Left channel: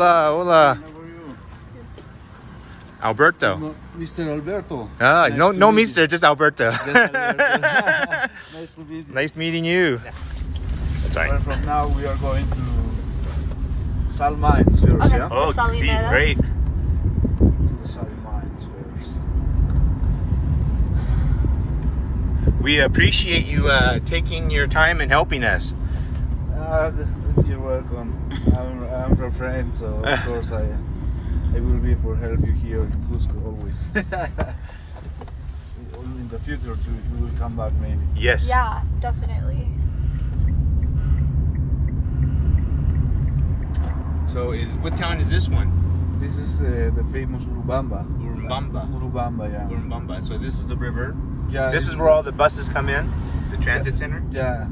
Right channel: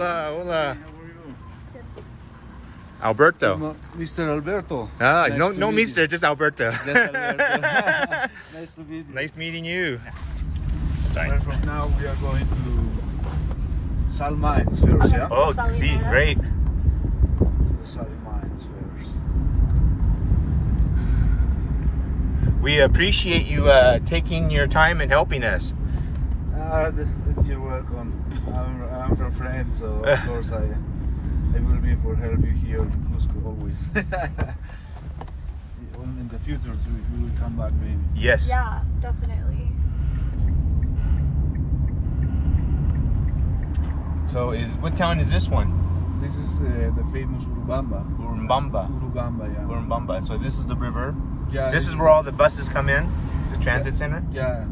Hola, hola. How are you? Alberto. Mr. Alberto. Ah, Nice no, to no, meet Mister, just Alberto. you. That's Alberto. Nice to meet you. Nice meeting you. Sorry. Right from now, we are going to Sal Mines first, yeah? Oh, see, great. To the Sal Mines first. We appreciate you taking your time and helping us. You're welcome. I'm from France, so of course I will be for help you here in Cusco always. In the future, we will come back maybe. Yes. Yeah, definitely. So, what town is this one? This is the famous Urubamba. Urubamba. Urubamba, yeah. Urubamba. So this is the river. Yeah. This is where all the buses come in, the transit center. Yeah.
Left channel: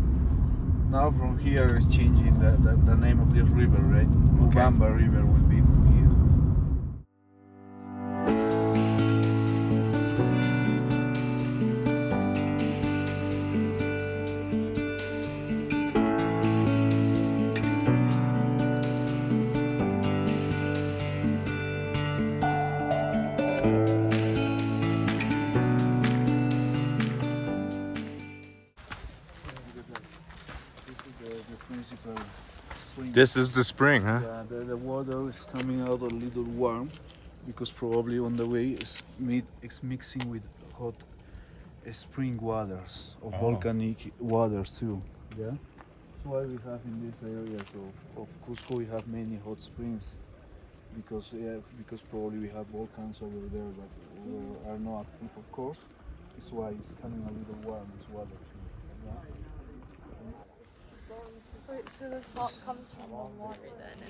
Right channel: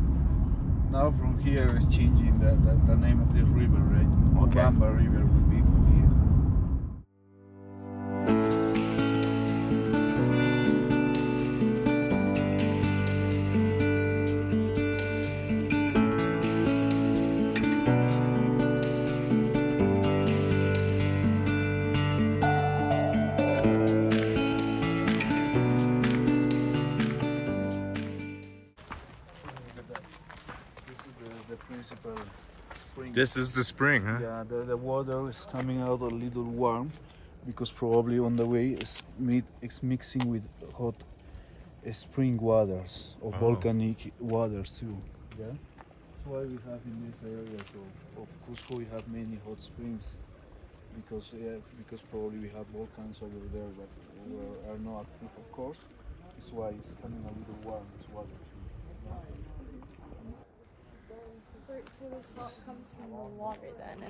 Now from here is changing the name of this river, right? Okay. Urubamba River will be from here. Principal spring. This is the spring, huh? Yeah, the water is coming out a little warm because probably on the way it's mixing with hot spring waters or volcanic waters too. Yeah, that's why we have in this area of Cusco we have many hot springs because probably we have volcans over there that are not active, of course. That's why it's coming a little warm this water. Yeah. Wait, so the salt comes from the water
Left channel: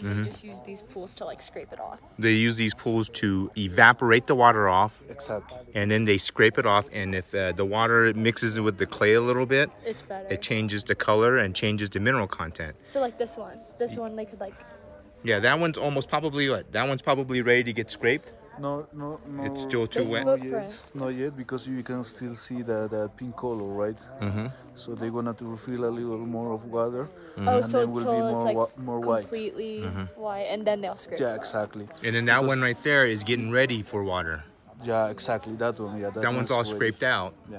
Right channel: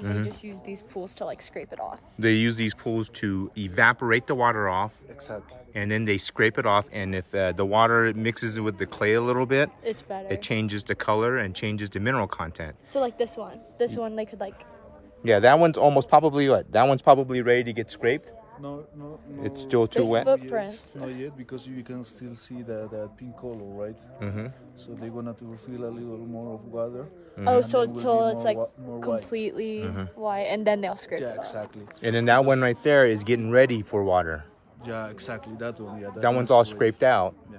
then, and they just use these pools to like scrape it off? They use these pools to evaporate the water off. Exactly. And then they scrape it off, and if the water mixes with the clay a little bit, It's better. it changes the color and changes the mineral content. So like this one they could like... Yeah, that one's almost probably what? That one's probably ready to get scraped. No. It's still too wet. Not yet, because you can still see the pink color, right? So they're gonna to refill a little more of water. Oh, so then will be until it's like more white. completely white, and then they'll scrape Yeah, it. exactly. And then that one right there is getting ready for water. Yeah, exactly. That one. Yeah, That one's all ready. scraped out. Yeah.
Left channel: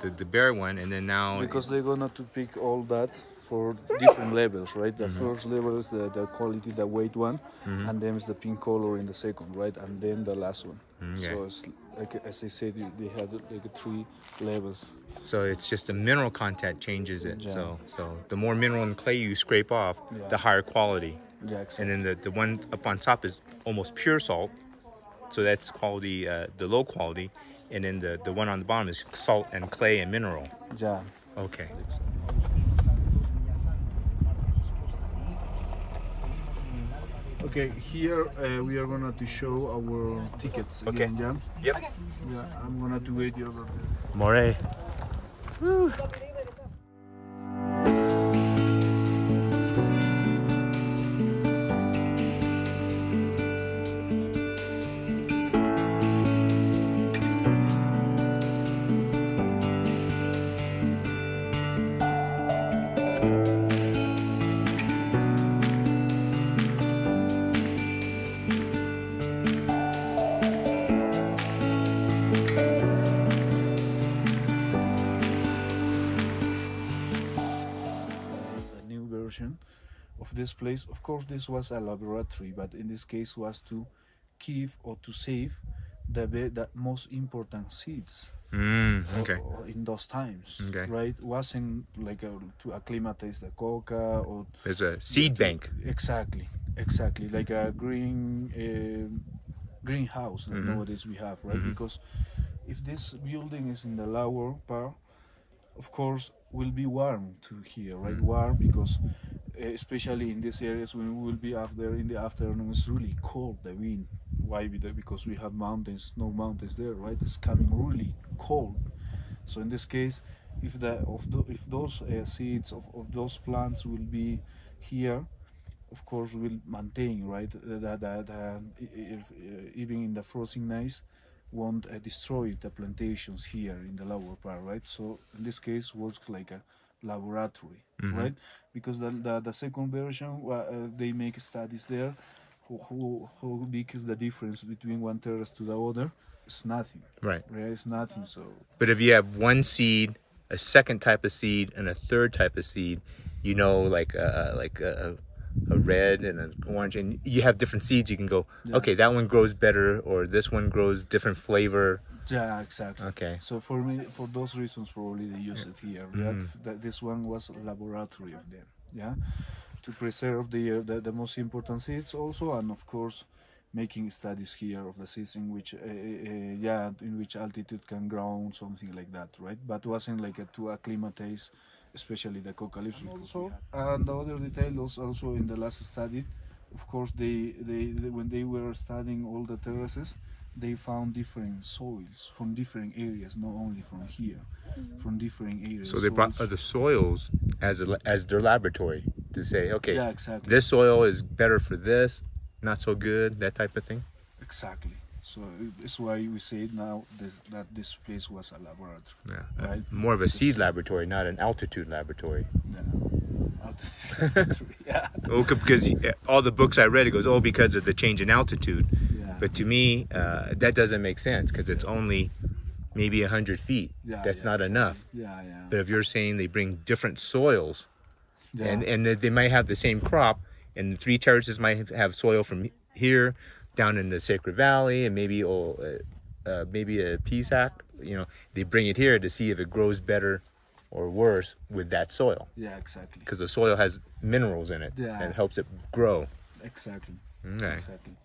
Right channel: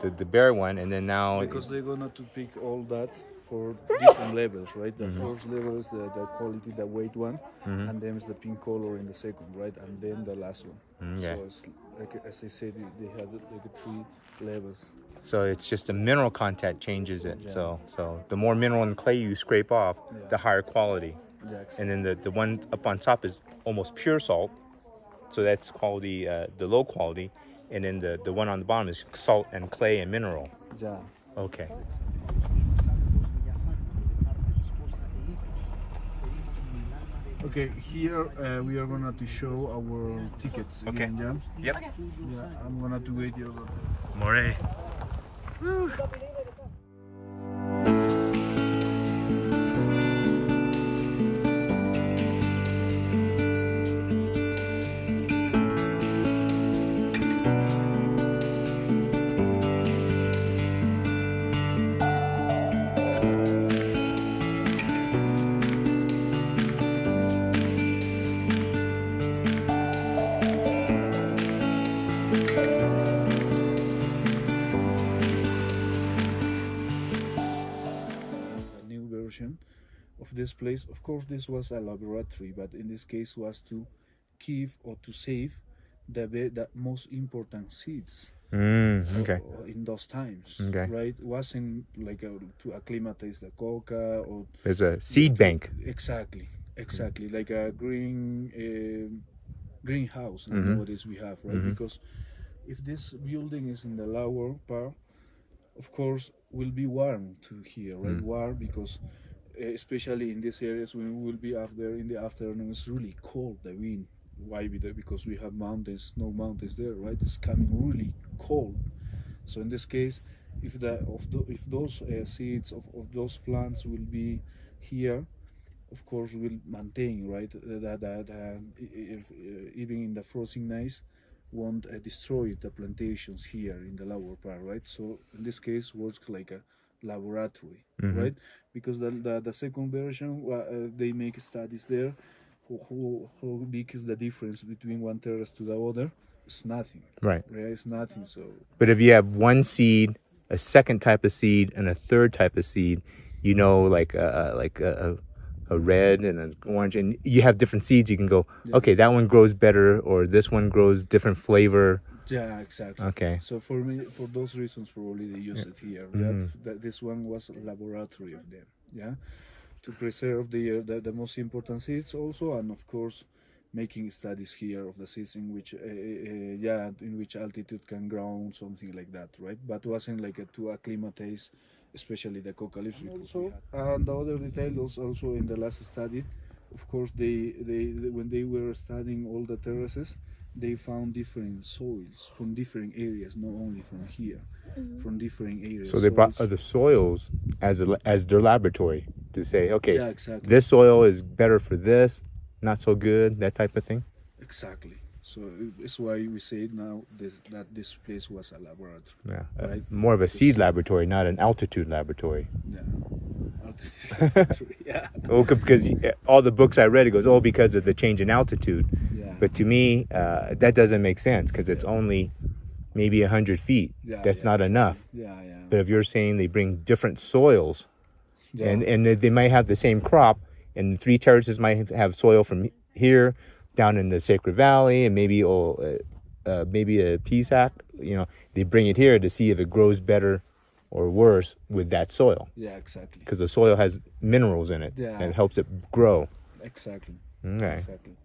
The bare one, and then now Because they're gonna to pick all that for different levels, right? The first level is the quality, the white one, and then it's the pink color in the second, right? And then the last one. Okay. So it's like, as I said, they have like 3 levels. So it's just the mineral content changes it. Yeah. So the more mineral and clay you scrape off, the higher quality. Yeah, exactly. And then the one up on top is almost pure salt. So that's quality, the low quality. And then the one on the bottom is salt and clay and mineral. Yeah. Okay. Okay, here we are gonna to show our tickets again, yeah? Yep. Yeah, I'm gonna to wait you over there. More. Woo. Of this place, of course this was a laboratory, but in this case was to keep or to save the most important seeds in those times, right? Wasn't like to acclimatize the coca or there's a seed bank. Exactly, like a greenhouse that nowadays we have, right? Because if this building is in the lower part, of course will be warm to here, right? Warm because especially in these areas when we will be out there in the afternoon, it's really cold, the wind. Why? Because we have mountains, snow mountains there, right? It's coming really cold. So in this case, if those seeds of those plants will be here, of course will maintain, right? Even in the frozen nights, won't destroy the plantations here in the lower part, right? So in this case, works like a laboratory, right? Because the second version, they make studies there how big is the difference between one terrace to the other? It's nothing. Right. It's nothing. So. But if you have one seed, a second type of seed, and a third type of seed, you know, like a red and an orange, and you have different seeds, you can go, okay, that one grows better, or this one grows different flavor. Yeah, exactly. Okay. So for me, for those reasons, probably they use it here. That this one was a laboratory of them. Yeah, to preserve the most important seeds also, and of course, making studies here of the seeds in which in which altitude can grow, something like that, right? But wasn't like to acclimatize, especially the coca leaves. Also, and the other detail was also in the last study. Of course, they when they were studying all the terraces, they found different soils from different areas, not only from here, from different areas. So they brought the soils as their laboratory to say, okay, yeah, exactly. This soil is better for this, not so good, that type of thing. Exactly. So it's why we say now that this place was a laboratory. Yeah, right? More of a seed laboratory, not an altitude laboratory. No. Altitude laboratory, yeah. Oh, because all the books I read, it goes, oh, because of the change in altitude. Yeah. But to me, that doesn't make sense because it's only maybe 100 feet. Yeah, That's not enough. Yeah, yeah. But if you're saying they bring different soils, Yeah. and they might have the same crop, and the 3 terraces might have soil from here down in the Sacred Valley, and maybe maybe a Pisac, you know, they bring it here to see if it grows better or worse with that soil. Yeah, exactly. Because the soil has minerals in it, Yeah. and it helps it grow. Exactly. Okay. Exactly.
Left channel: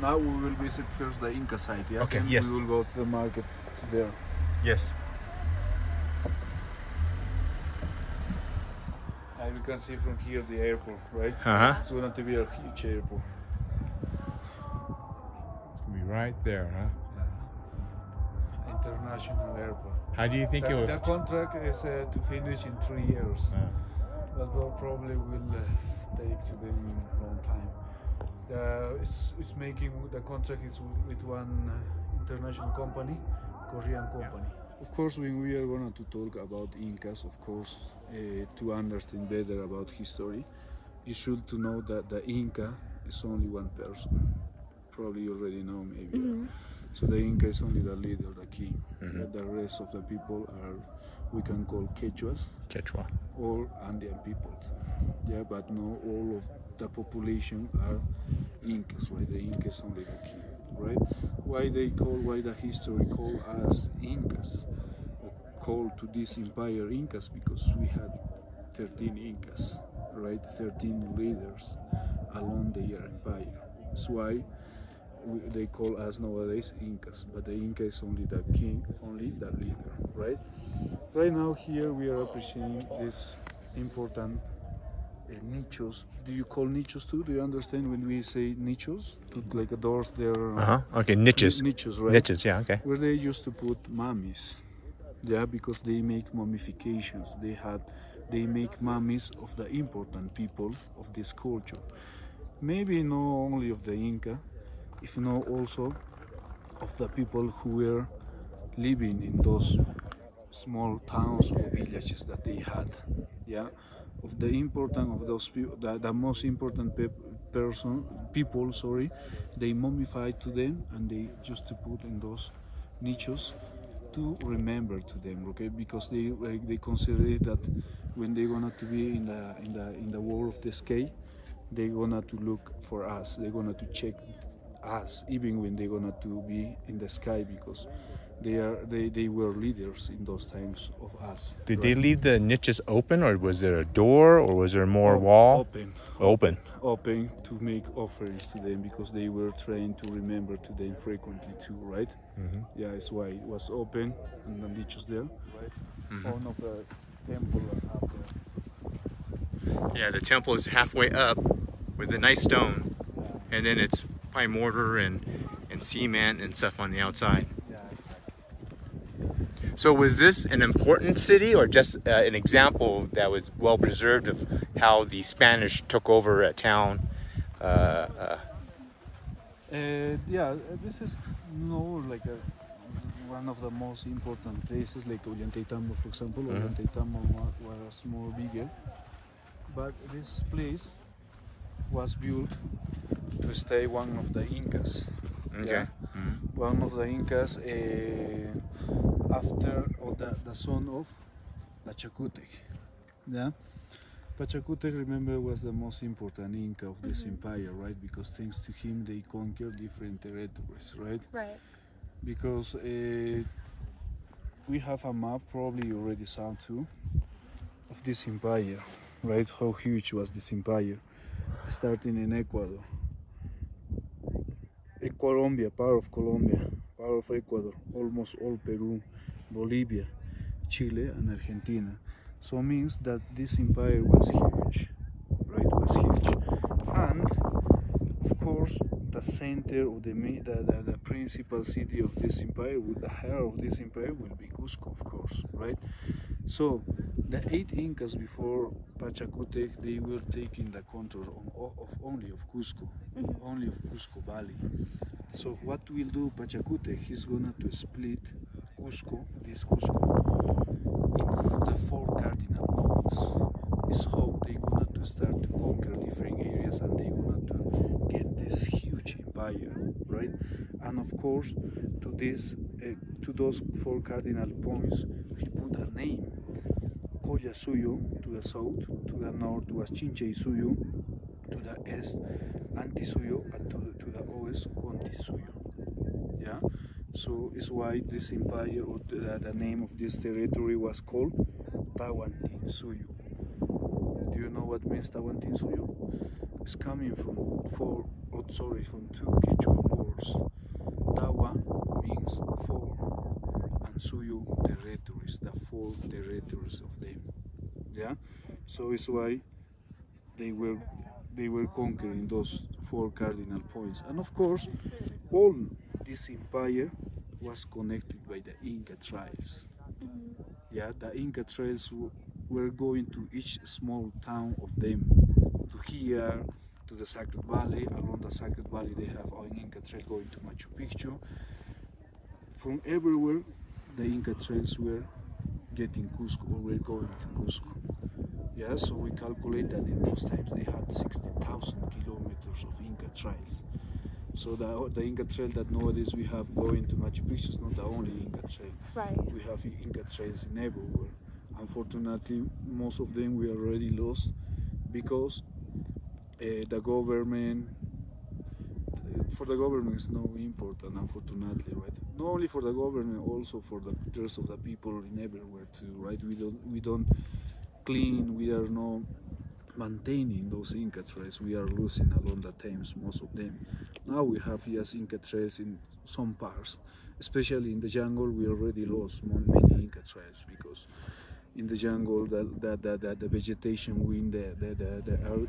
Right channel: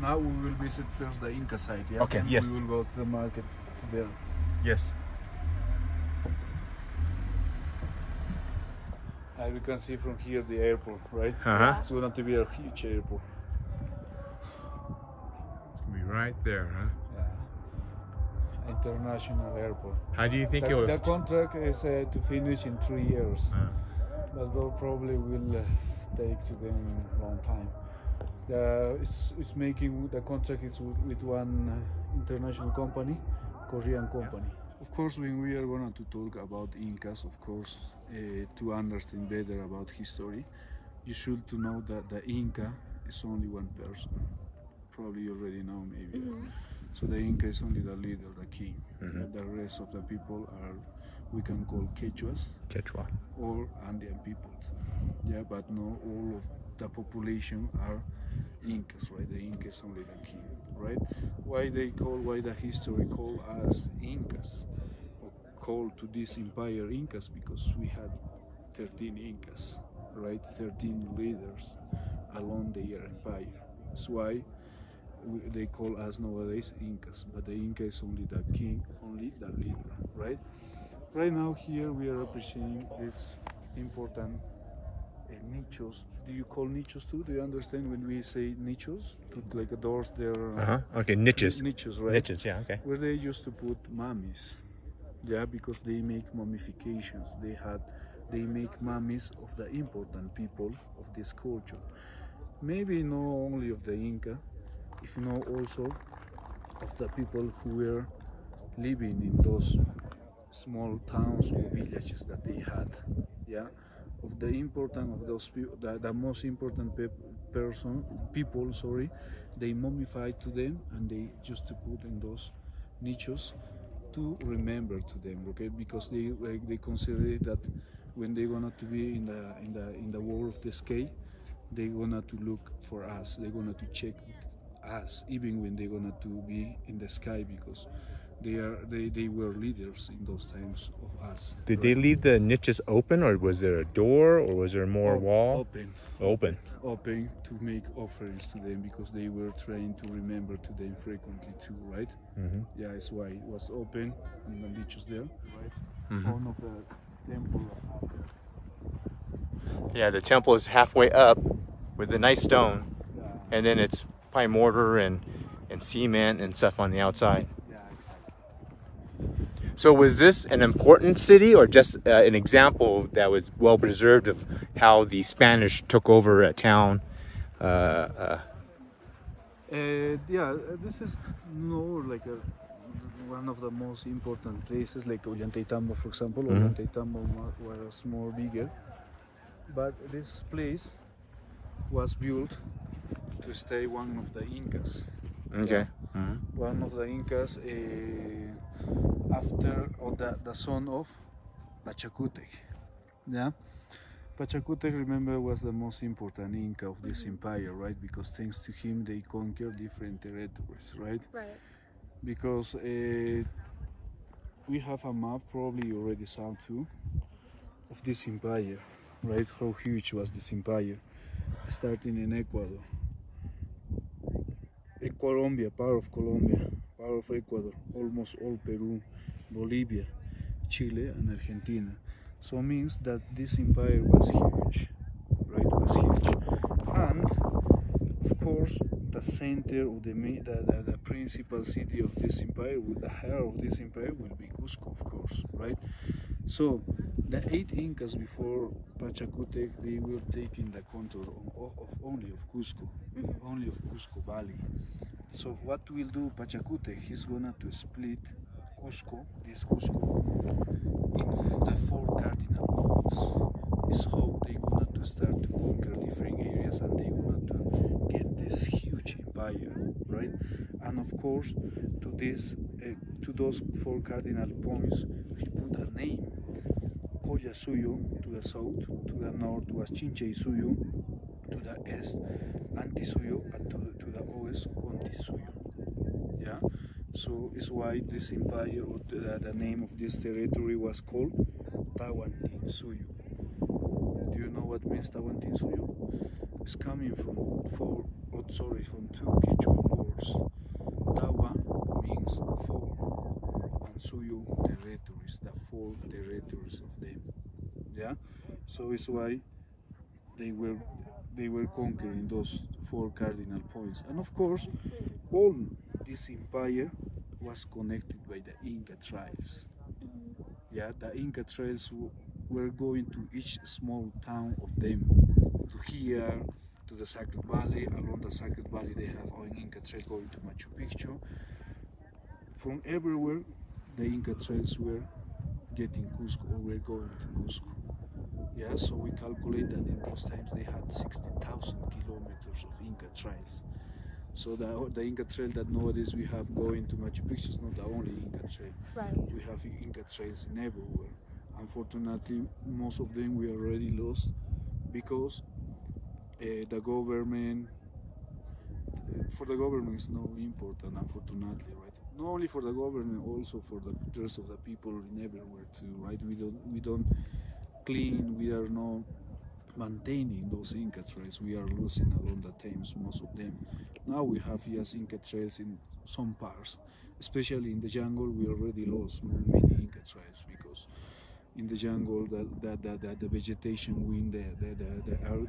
Now we will visit first the Inca site, yeah? Okay, And yes. we will go to the market there. Yes. And you can see from here the airport, right? Uh-huh. It's going to be a huge airport. It's going to be right there, huh? International airport. How do you think it will... The contract is to finish in 3 years. Although probably will take to them a long time. It's making the contract is with one international company, Korean company. Of course, when we are going to talk about Incas, of course, to understand better about history, you should to know that the Inca is only one person. Probably you already know, maybe. So the Inca is only the leader, the king. The rest of the people are, we can call Quechuas. Quechua. Or Andean people too. Yeah, but no, all of the population are Incas, right? The Inca is only the king, right? Why the history call us Incas, or call to this empire Incas? Because we had 13 Incas, right? 13 leaders along their empire. That's why they call us nowadays Incas, but the Inca is only the king, only the leader, right? Right now here we are appreciating this important nichos. Do you call nichos too? Do you understand when we say nichos? Like a doors there. Okay, niches. Nichos, right? Niches, yeah, okay. Where they used to put mummies. Yeah, because they make mummifications. They make mummies of the important people of this culture. Maybe not only of the Inca, if you know also of the people who were living in those small towns or villages that they had, yeah, of the important of those people, the most important people, sorry, they mummified to them and they used to put in those nichos to remember to them, okay, because they consider it that when they're gonna to be in the war of the sky, they're gonna to look for us, they're gonna to check us, even when they're gonna to be in the sky, because they were leaders in those times of us. Did they leave the niches open, or was there a door, or was there more wall? Open to make offerings to them, because they were trained to remember to them frequently too, right? Yeah, that's why it was open and the niches there, right? One of the temple up there. Yeah, the temple is halfway up with a nice stone, and then it's probably mortar and cement and stuff on the outside. Yeah, exactly. So was this an important city or just an example that was well preserved of how the Spanish took over a town? Yeah, this is like one of the most important places, like Ollantaytambo, for example. Ollantaytambo was more bigger, but this place was built to stay one of the Incas. Okay. Yeah? One of the Incas after the son of Pachacutec. Yeah. Pachacutec, remember, was the most important Inca of this empire, right? Because thanks to him, they conquered different territories, right? Right. Because we have a map, probably you already saw too, of this empire, right? How huge was this empire, starting in Ecuador. Colombia, part of Colombia, part of Ecuador, almost all Peru, Bolivia, Chile, and Argentina. So means that this empire was huge, right? Was huge, and of course the center of the principal city of this empire, the heart of this empire, will be Cusco, of course, right? So the 8 Incas before Pachacutec, they were taking the control of only of Cusco, only of Cusco Valley. So what will do Pachacutec? He's gonna to split Cusco, this Cusco, in the 4 cardinal points. Is how they gonna to start to conquer different areas, and they gonna to get this huge empire, right? And of course, to this, to those 4 cardinal points, he put a name. Collasuyo to the south, to the north was Chinchaysuyo, to the east Antisuyo, and to the west Contisuyo. Yeah, so it's why this empire, or the name of this territory, was called Tawantinsuyo. Do you know what means Tawantinsuyo? It's coming from from 2 Quechua words. Tawa means 4, and Suyo territories, the 4 territories of them. Yeah, so it's why they were conquering those 4 cardinal points, and of course, all this empire was connected by the Inca trails. Yeah, the Inca trails were going to each small town of them, to here, to the Sacred Valley. Along the Sacred Valley, they have an Inca trail going to Machu Picchu. From everywhere, the Inca trails were getting Cusco, or were going to Cusco. Yeah, so we calculate that in those times they had 60,000 kilometers of Inca trails. So the Inca trail that nowadays we have going to Machu Picchu is not the only Inca trail. Right. We have Inca trails in everywhere. Unfortunately, most of them we already lost because the government, for the government, is no important, unfortunately, right? Not only for the government, also for the rest of the people in everywhere too, right? We don't clean, we are not maintaining those Inca trails. We are losing along the times, most of them. Now we have just Inca trails in some parts, especially in the jungle. We already lost many Inca trails because in the jungle the vegetation win the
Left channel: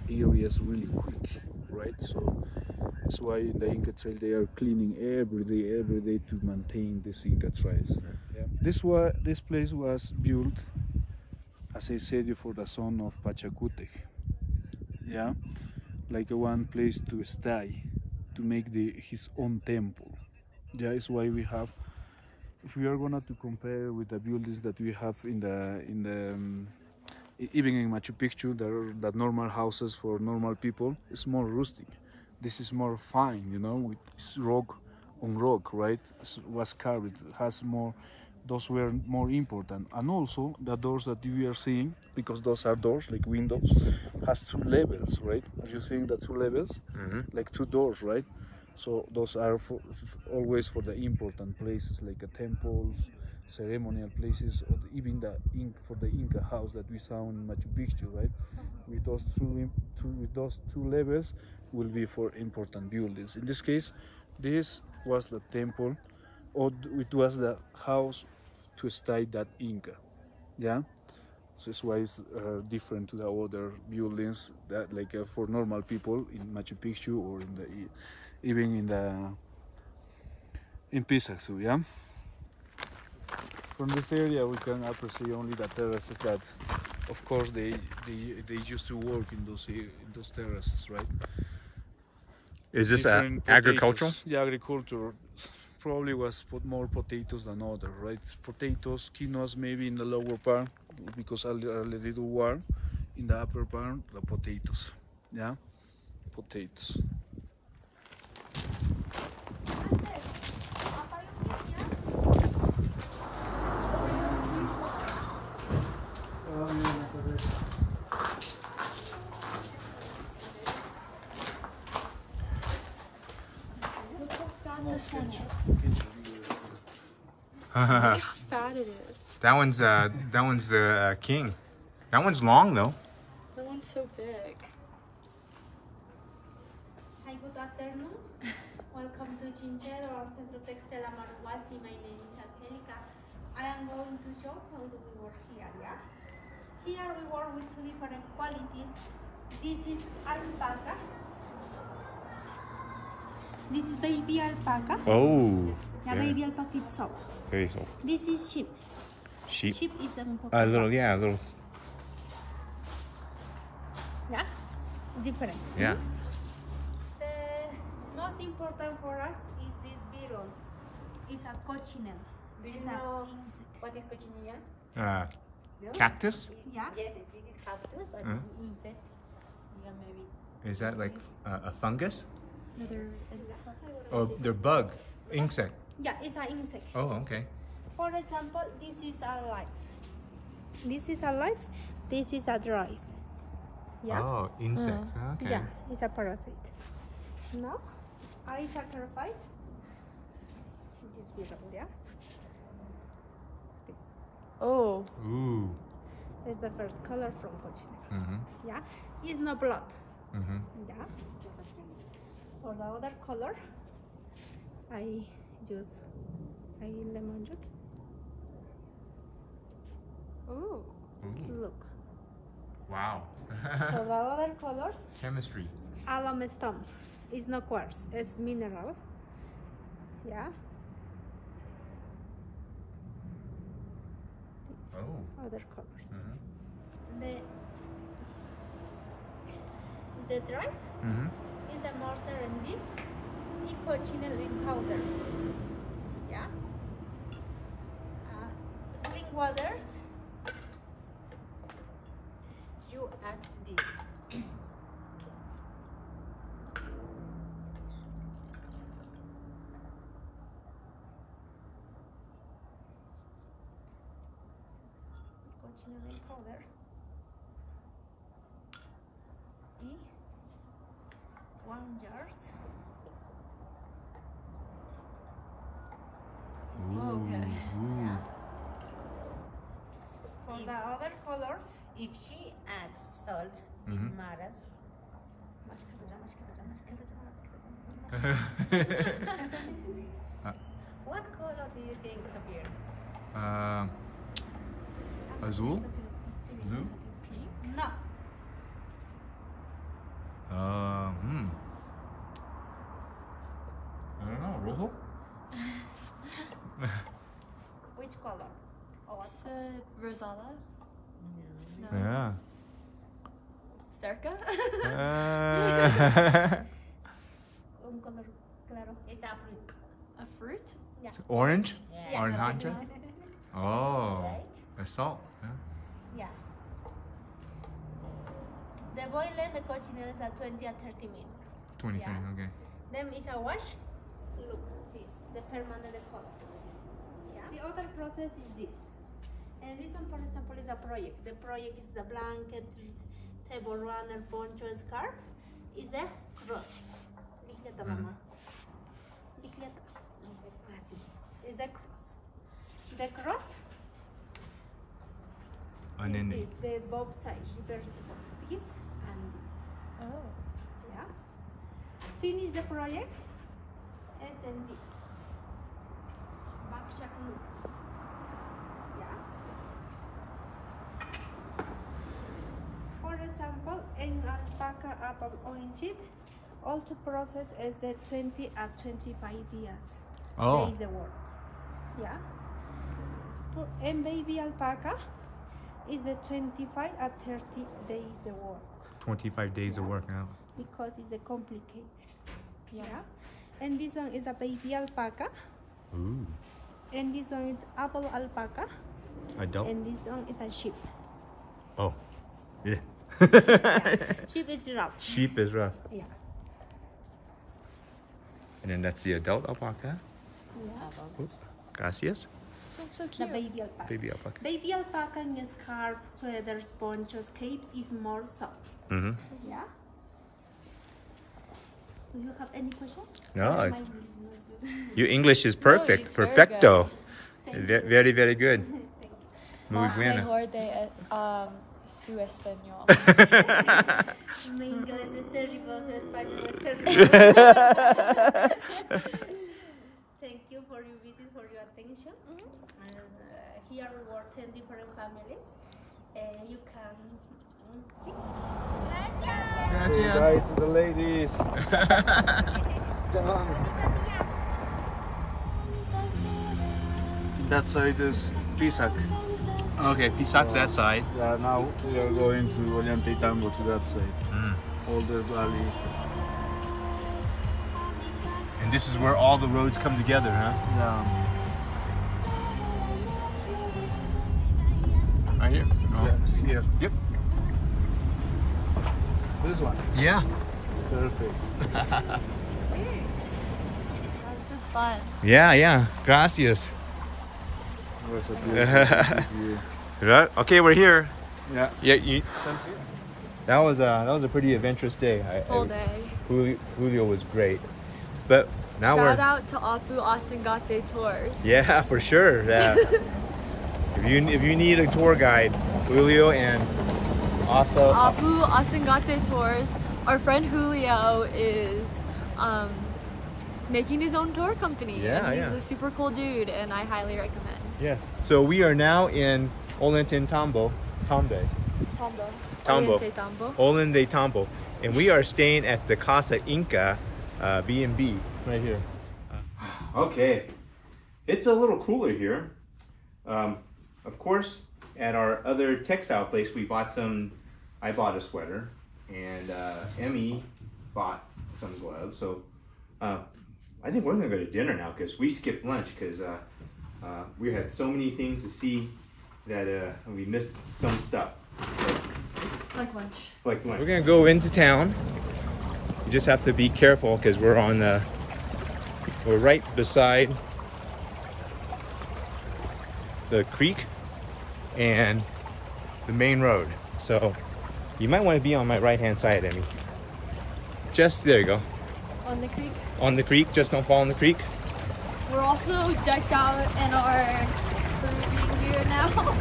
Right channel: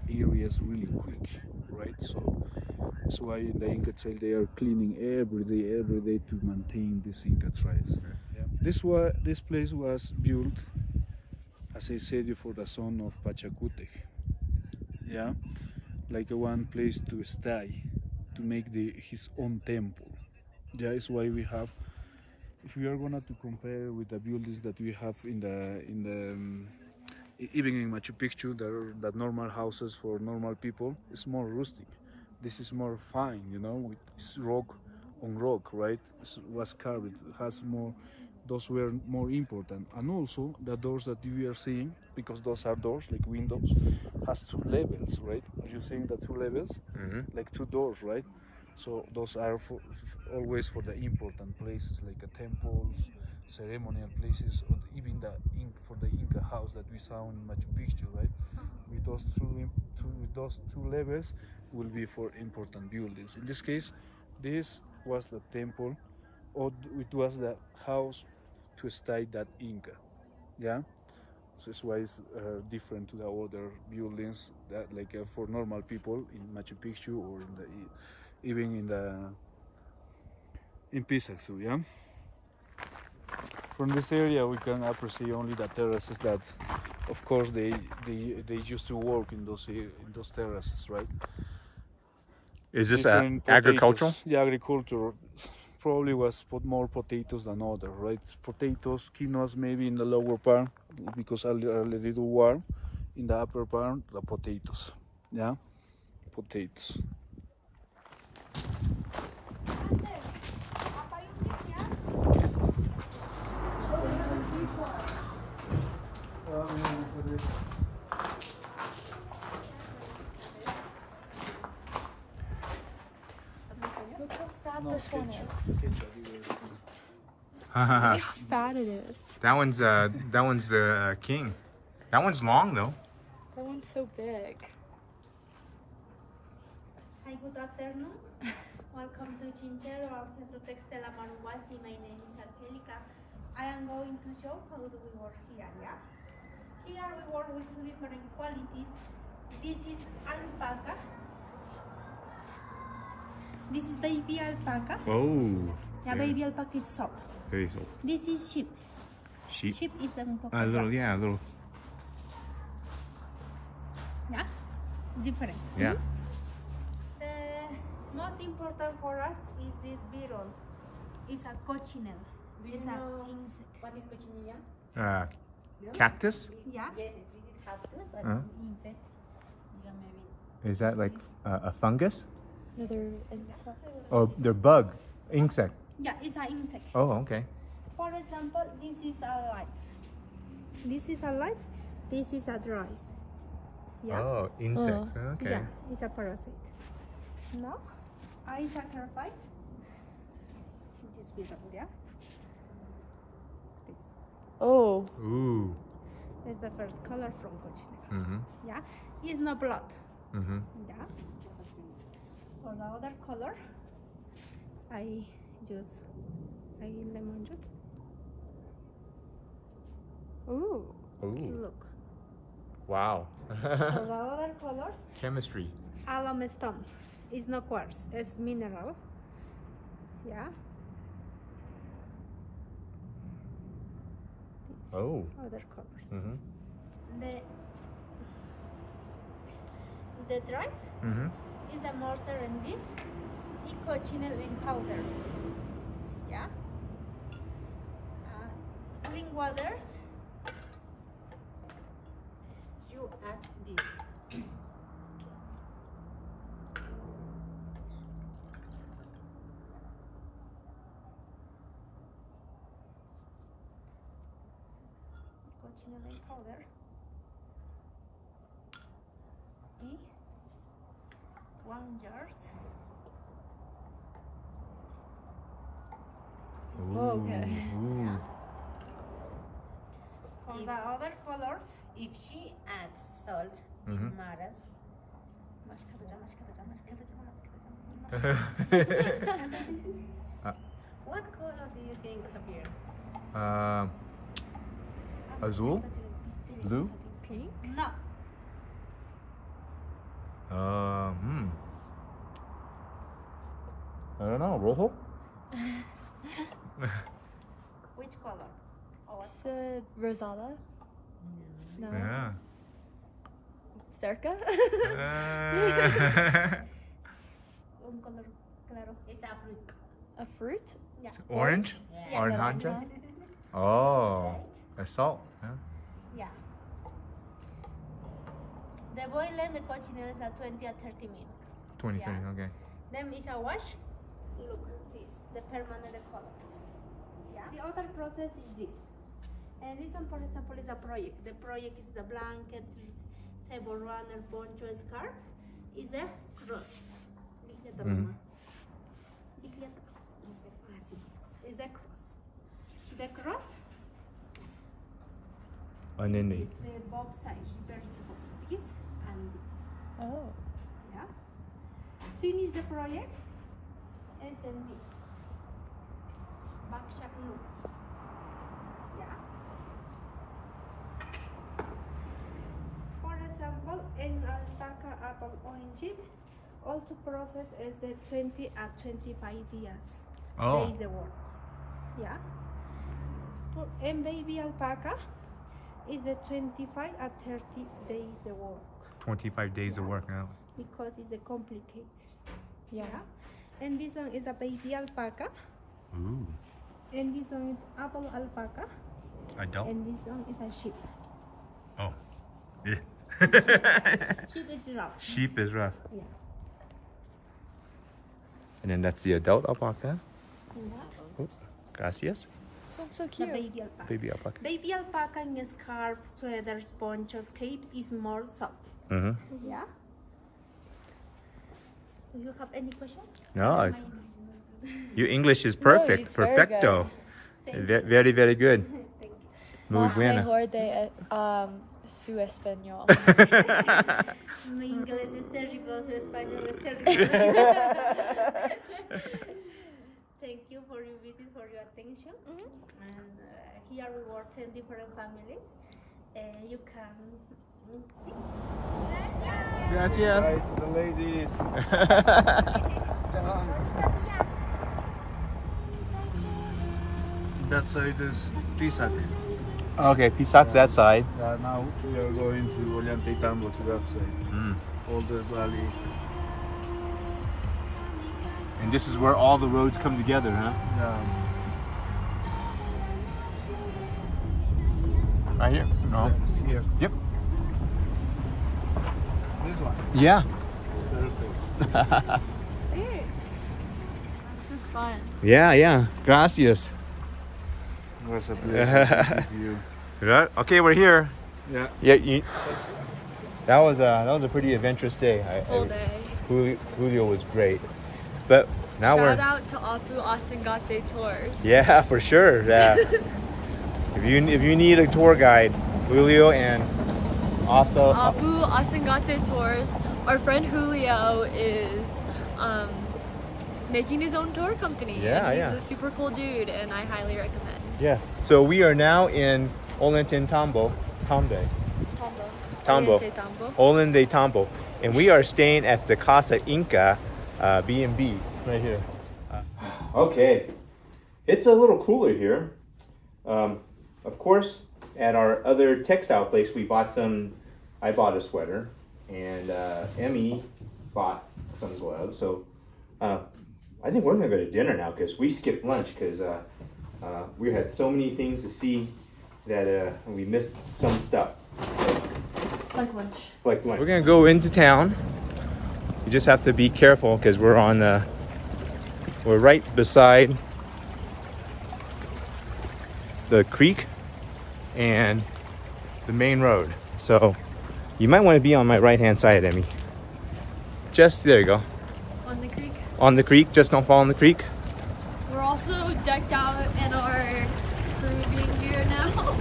areas really quick, right? So that's why in the Inca trail they are cleaning every day to maintain these Inca trails. Yeah. This place was built, as I said, for the son of Pachacutec. Yeah, like one place to stay, to make his own temple. Yeah, is why we have. If we are gonna to compare with the buildings that we have even in Machu Picchu, the normal houses for normal people, it's more rustic. This is more fine, you know, with rock on rock, right? It was carved, has more. Those were more important, and also the doors that you are seeing, because those are doors like windows, has 2 levels, right? Are you seeing the 2 levels? Like 2 doors, right? So those are always for the important places, like temples, ceremonial places, or even for the Inca house that we saw in Machu Picchu, right? With those two levels will be for important buildings. In this case, this was the temple, or it was the house to stay that Inca. Yeah, so that's why it's different to the other buildings that for normal people in Machu Picchu or even in Pisaxu. Yeah. From this area, we can appreciate only the terraces that, of course, they used to work in those terraces, right? Is this Different agricultural? potatoes. The agriculture probably was put more potatoes than other, right? Potatoes, quinoas maybe in the lower part because a little warm. In the upper part, the potatoes, yeah, potatoes. Look how fat this one is. How fat it is. That one's the king. That one's long though. That one's so big. Hi, good afternoon. Welcome to Chinchero and Centro Textil Amaruwasi. My name is Angelica. I am going to show how do we work here, yeah? Here we work with two different qualities. This is alpaca. This is baby alpaca. Oh. Yeah, baby alpaca is soft. Very soft. This is sheep. Sheep. Sheep is a A little, yeah, a little. Yeah, different. Yeah. The most important for us is this beetle. It's a cochinelle. Do you It's know an insect. what is cochinilla? Cactus? Yeah. Yes, this is cactus, but Uh-huh. insect. Yeah, maybe. Is that like a fungus? Another Oh, they're bug, insect. Yeah, it's an insect. Oh, okay. For example, this is alive. This is alive. This is a dry. Yeah. Oh, insects. Okay. Yeah, it's a parasite. Now, I sacrifice this beetle. Yeah. This Oh. Ooh. is the first color from cochinelle. Mhm. Yeah. It's no blood. Mhm. Yeah. For the other color, I use lemon juice. Ooh. Ooh. Look. Wow. For the other colors, Chemistry. alum stone. It's no quartz. It's mineral. Yeah. These Oh. other colors. Mhm. The dry Mhm. is the mortar and this is cochinelle in powder. Yeah. Clean waters. You add this. Cochinelle in powder. Y 1 jar. Ooh. Okay. Ooh. For the other colors, If she adds salt, Mhm. it matters. What color do you think appear? Azul? Blue? Pink? no. I don't know. Rojo? Which color? Or what It's color? Rosala? No. Yeah. Circa? Un color claro. It's a fruit. A fruit? Yeah. Orange? Yeah. Oranja? Oh. Right? A salt. Yeah. Yeah. The boil and the cochinelle is at 20 or 30 minutes. 20, Yeah. 30, okay. Then is a wash. Look, this, the permanent colors. Yeah. The other process is this. And this one, for example, is a project. The project is the blanket, table runner, poncho, scarf. Is a cross. Bicicleta, mama. Bicicleta. Así. Is the cross. The cross And then is the both sides reversible. This and this. Oh. Yeah. Finish the project. And send this. Backshot loop. Yeah. For example, in alpaca apple orange sheep, all to process is the 20 at 25 years. Oh. Days the work. Yeah. and baby alpaca is the 25 at 30 days the work. 25 days of work now. Because it's the complicated. Yeah. And this one is a baby alpaca. Ooh. And this one is adult alpaca. Adult? And this one is a sheep. Oh. Yeah. Sheep is rough. Sheep is rough. Yeah. And then that's the adult alpaca. Yeah. Oops. Gracias. This one's so The cute. baby alpaca. Baby alpaca. Baby alpaca in scarves, sweaters, ponchos, capes is more soft. Mm-hmm. Yeah. Do you have any questions? No. Your English is perfect. it's very Perfecto. Thank Very, very good. Thank you. Muy buena. Mejor de su español. Mi inglés es terrible, su español es terrible. Thank you for your visit, for your attention. And here we work 10 different families. You can see. Gracias. Hi to the ladies. That side is Pisac. Okay, Pisac's that side. Yeah, now we are going to Ollantaytambo to that side. Mm. All the valley. And this is where all the roads come together, huh? Yeah. Right here? No. Yes, here. Yep. This one. Yeah. Perfect. This is fun. Yeah. Gracias. It was a beautiful view. Right. Okay, we're here. Yeah. Yeah. That was a pretty adventurous day. Full day. Julio was great. But now Shout we're out to Apu Asengate Tours. yeah, for sure. Yeah. if you need a tour guide, Julio and also Apu Asengate Tours. Our friend Julio is making his own tour company. Yeah, and he's a super cool dude, and I highly recommend. yeah. So we are now in Ollantaytambo, Tambo, Ollantaytambo, and we are staying at the Casa Inca B&B right here. Okay, it's a little cooler here. Of course, at our other textile place, I bought a sweater, and Emmy bought some gloves. So I think we're gonna go to dinner now because we skipped lunch because we had so many things to see that we missed some stuff. Like lunch. Like lunch. We're gonna go into town. You just have to be careful because we're right beside the creek and the main road. So you might want to be on my right hand side, Emmy. Just there you go. On the creek. On the creek, just don't fall in the creek. We're also decked out in our Peruvian gear now.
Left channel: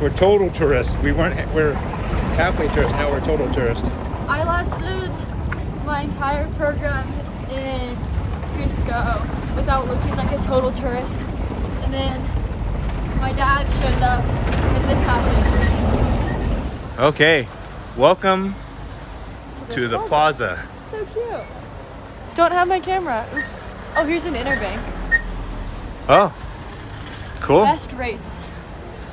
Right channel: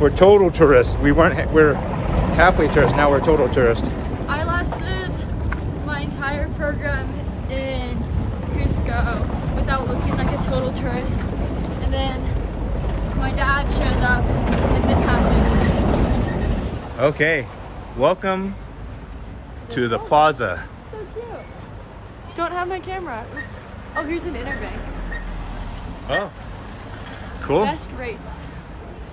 We're total tourists. We're halfway tourists, now we're total tourists. I lasted my entire program in Cusco without looking like a total tourist. And then my dad shows up and this happens. Okay, welcome to the plaza. So cute. Don't have my camera. Oops. Oh, here's an interbank. Oh, cool. Best rates.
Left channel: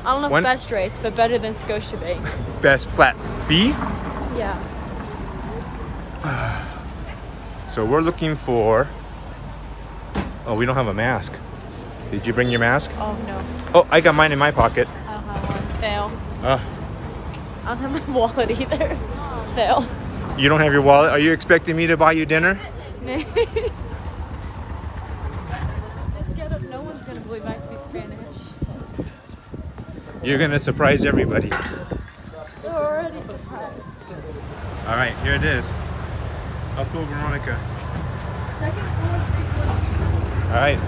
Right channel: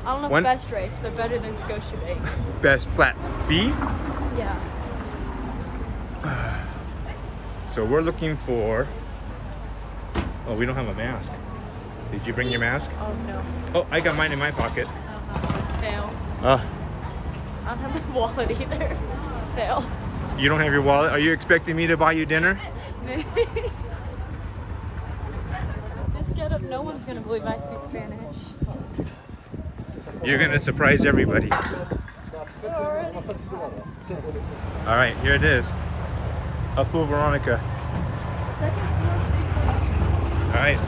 I don't know if best rates, but better than Scotiabank. Best flat fee. Yeah. So we're looking for, oh, we don't have a mask. Did you bring your mask? Oh no. Oh, I got mine in my pocket. Fail. Uh, I don't have my wallet either. Fail. you don't have your wallet? Are you expecting me to buy you dinner? This get up, no one's gonna believe I speak Spanish. You're gonna surprise everybody. You're already surprised. All right, here it is. Apu Veronica. Second floor, 342. All right.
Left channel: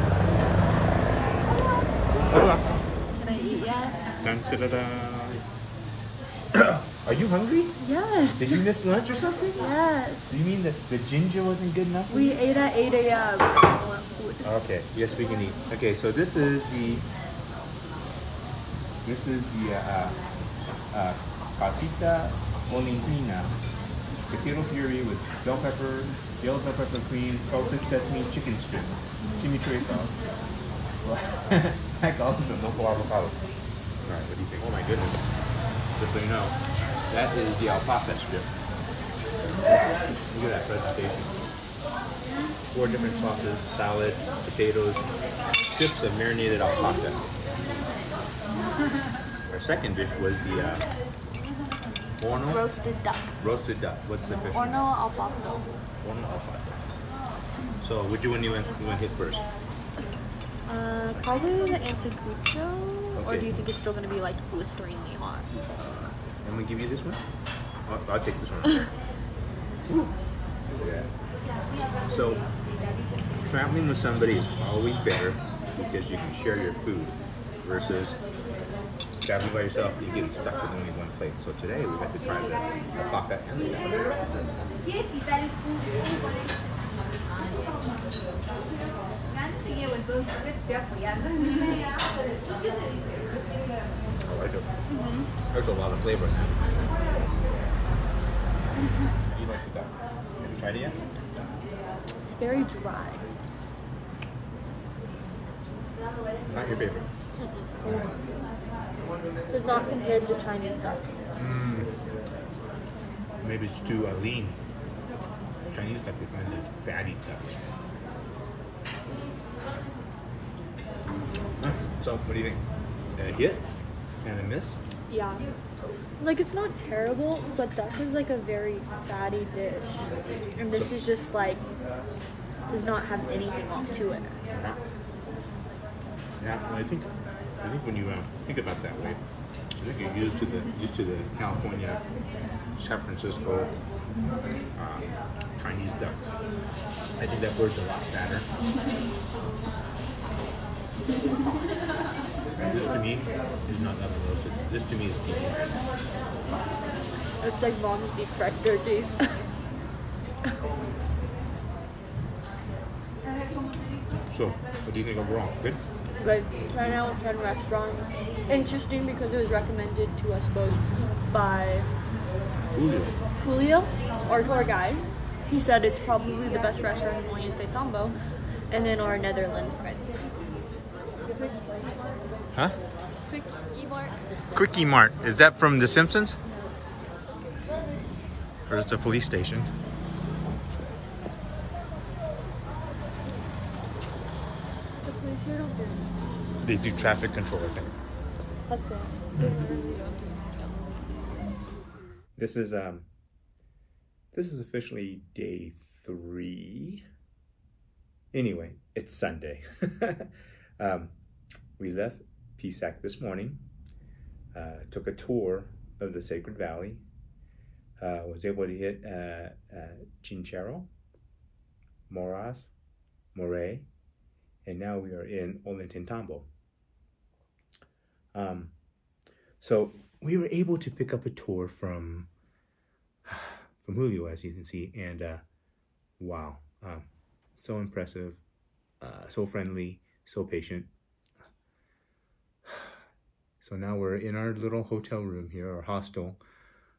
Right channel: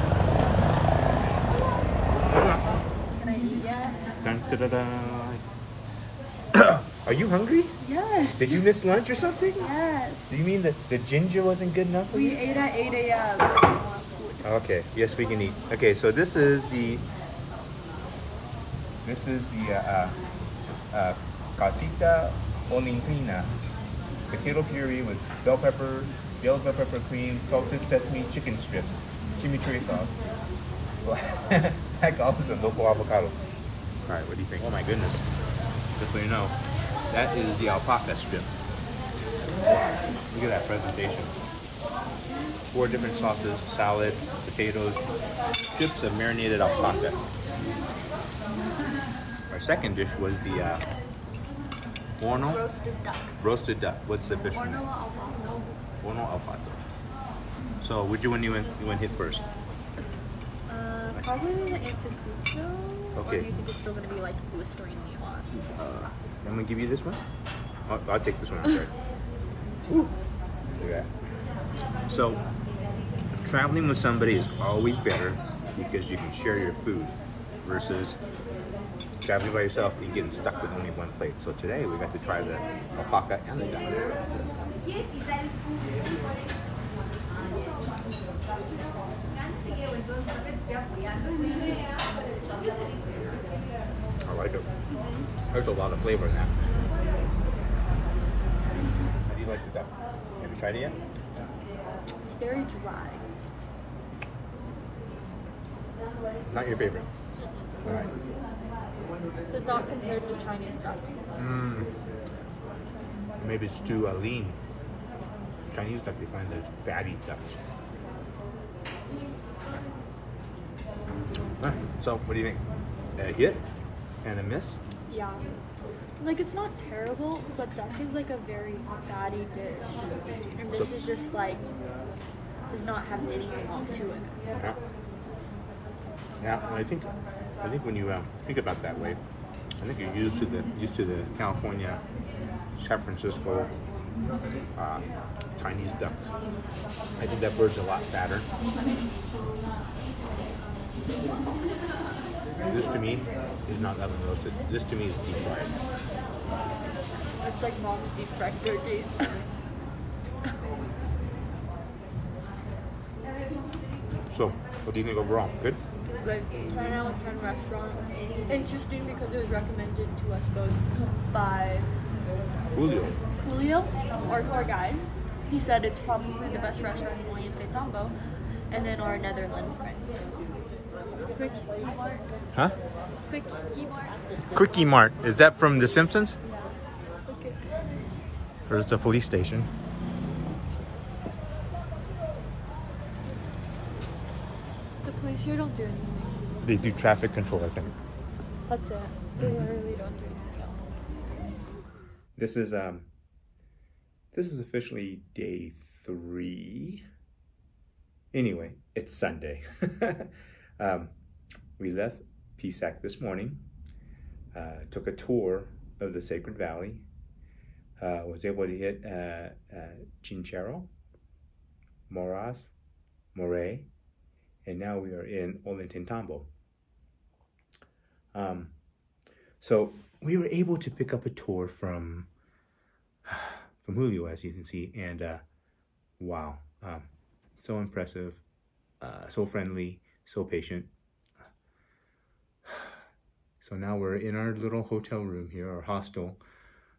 Hold on. Can I eat, yeah? Dun, da, da, da. Are you hungry? Yes. Did you miss lunch or something? Yes. Do you mean that the ginger wasn't good enough for We you? ate at 8 a.m. I want food. Okay, yes, we can eat. Okay, so this is the casita olinquina, potato puree with bell pepper, yellow bell pepper cream, salted sesame chicken strips, chimichurri sauce, Heck, also the local avocado. All right, what do you think? Oh my goodness. Just so you know, that is the alpaca strip. Look at that presentation. 4 different sauces, salad, potatoes, strips of marinated alpaca. Our second dish was the horno? Roasted duck. Roasted duck. What's the fish? Horno al papel. Horno alpaca. So, which one you went hit first? Probably the anticucho. Okay. Or do you think it's still going to be like blisteringly hot? I'm gonna give you this one. I'll take this one. I'm sorry. Ooh. Yeah. So, traveling with somebody is always better because you can share your food versus traveling by yourself, you get stuck with only one plate. So today we got to try the alpaca and the duck. I like it. There's a lot of flavor in that. How do you like the duck? Have you tried it yet? It's very dry. Not your favorite. All right. It's not compared to Chinese duck. Maybe it's too lean. Chinese duck, they find they're fatty ducks. So, what do you think? A hit and a miss? Yeah. Like, it's not terrible, but duck is like a very fatty dish. And this is just like, does not have anything on to it. Yeah, and I think when you think about it that way, I think you're used to the California, San Francisco Chinese duck. I think that bird's a lot fatter. And this to me is not oven roasted. This to me is deep fried. It's like mom's deep fried turkeys. So, what do you think overall? Good? But right now it's in restaurant. Interesting because it was recommended to us both by Julio, our tour guide. He said it's probably the best restaurant in Oriente Tambo, and then our Netherlands friends. Huh? Quickie Mart. Quickie Mart. Is that from The Simpsons? Yeah. Or is it the police station? The police here don't do anything. They do traffic control, I think. That's it. They really don't do anything else. This is officially day 3. Anyway, it's Sunday. We left PSAC this morning, took a tour of the Sacred Valley, was able to hit Chinchero, Moras, Moray, and now we are in Ollantaytambo. So we were able to pick up a tour from Julio, as you can see, and wow, so impressive, so friendly, so patient. So now we're in our little hotel room here, our hostel.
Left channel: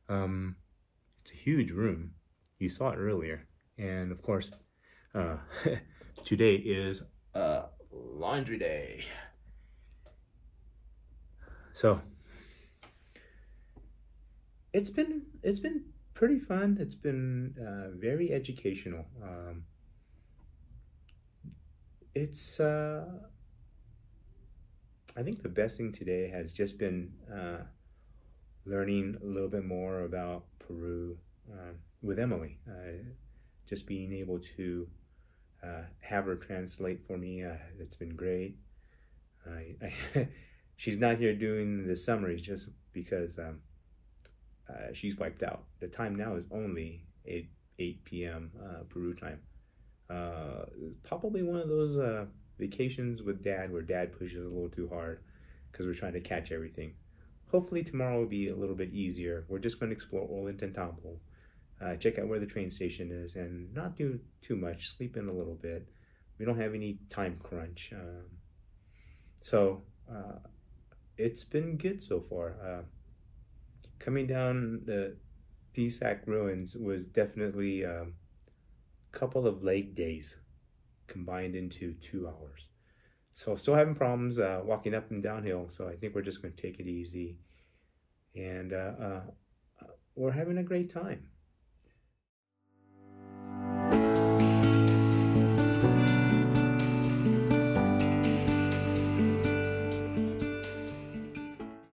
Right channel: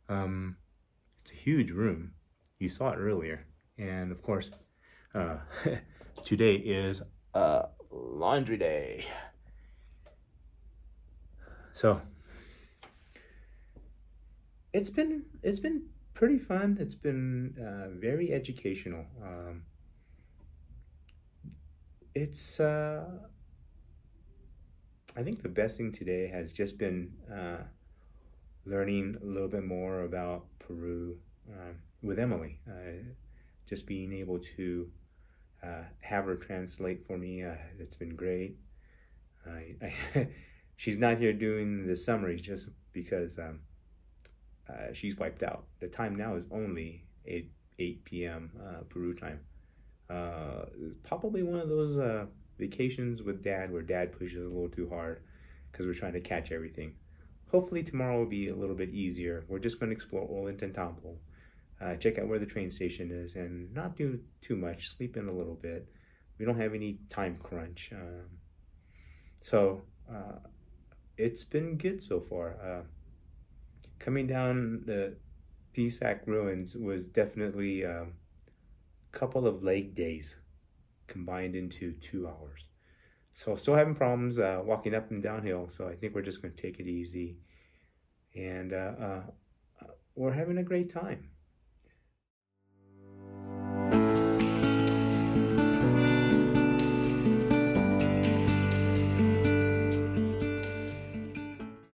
It's a huge room. You saw it earlier. And of course, today is laundry day. So it's been pretty fun. It's been very educational. I think the best thing today has just been learning a little bit more about Peru with Emily. Just being able to have her translate for me, it's been great. She's not here doing the summary just because she's wiped out. The time now is only 8 p.m. Peru time. Probably one of those vacations with Dad where Dad pushes a little too hard because we're trying to catch everything. Hopefully tomorrow will be a little bit easier. We're just going to explore Ollantaytambo, check out where the train station is, and not do too much, sleep in a little bit. We don't have any time crunch. So it's been good so far. Coming down the PSAC ruins was definitely a couple of leg days combined into 2 hours. So still having problems walking up and downhill. So I think we're just going to take it easy. And we're having a great time.